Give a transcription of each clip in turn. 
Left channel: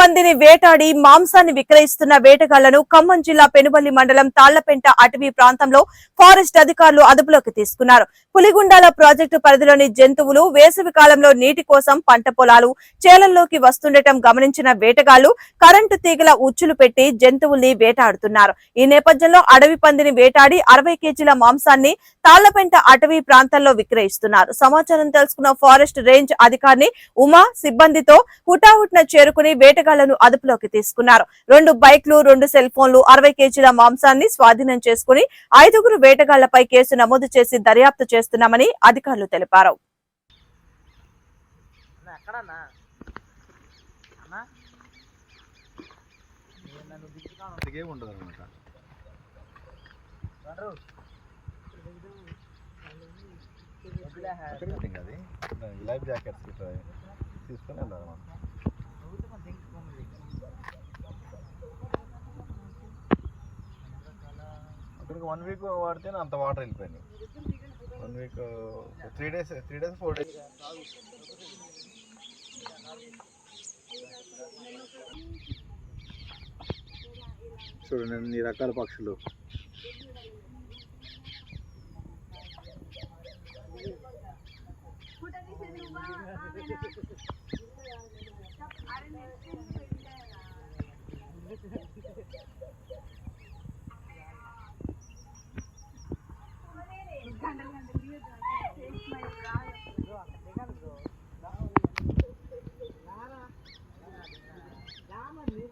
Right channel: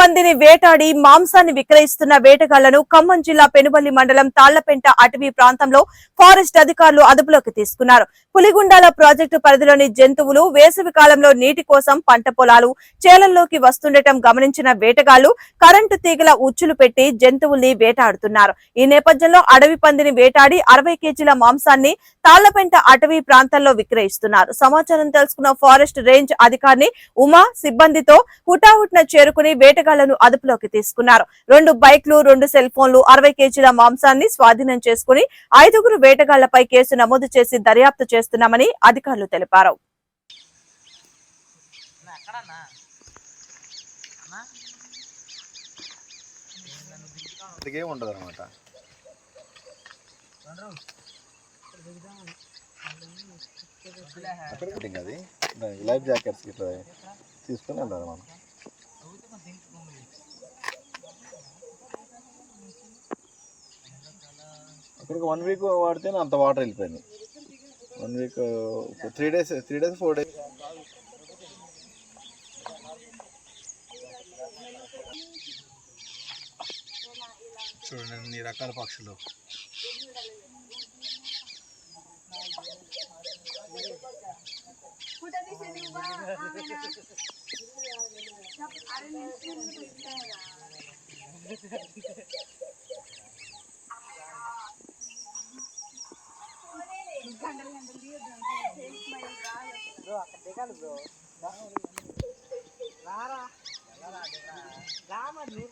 పందిని వేటాడి మాంసాన్ని విక్రయిస్తున్న వేటగాళ్లను ఖమ్మం జిల్లా పెనుబల్లి మండలం తాళ్లపెంట అటవీ ప్రాంతంలో ఫారెస్ట్ అధికారులు అదుపులోకి తీసుకున్నారు. పులిగుండాల ప్రాజెక్టు పరిధిలోని జంతువులు వేసవి కాలంలో నీటి కోసం పంట పొలాలు చేలల్లోకి వస్తుండటం గమనించిన వేటగాళ్లు కరెంటు తీగల ఉచ్చులు పెట్టి జంతువుల్ని వేటాడుతున్నారు. ఈ నేపథ్యంలో అడవి పందిని వేటాడి 60 కేజీల మాంసాన్ని తాళ్లపెంట అటవీ ప్రాంతంలో విక్రయిస్తున్నారు. సమాచారం తెలుసుకున్న ఫారెస్ట్ రేంజ్ అధికారిని ఉమా సిబ్బందితో హుటాహుటిన చేరుకుని వేటగాళ్లను అదుపులోకి తీసుకున్నారు. 2 బైక్లు 2 సెల్ ఫోన్లు 60 కేజీల మాంసాన్ని స్వాధీనం చేసుకుని 5గురు వేటగాళ్లపై కేసు నమోదు చేసి దర్యాప్తు చేస్తున్నామని అధికారులు తెలిపారు. లైఫ్ జాకెట్స్ తీసుకుని వెళ్ళాలి మనం. ఇక్కడికి 1 వీక్ వాడితే అంత వాటర్ వెళ్ళిపోయింది. 1 వీక్ 3 డేస్ 4 డేస్ చూడండి అన్ని రకాల పక్షులు.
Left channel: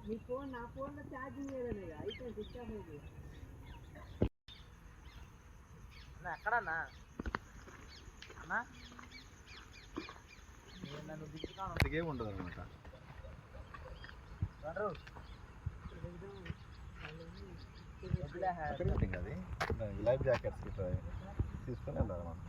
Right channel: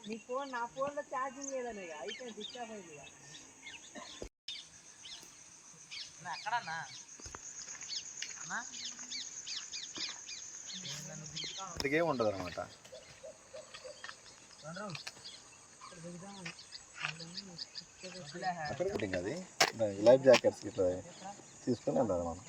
నీ ఫోన్ నా ఫోన్లో ఛార్జింగ్ లేదని అయిపోయింది, స్విచ్ ఆఫ్ అయింది. ఎక్కడన్నా ఉండదు అనమాట. లైఫ్ జాకెట్స్ తీసుకుని వెళ్ళాలి మనం.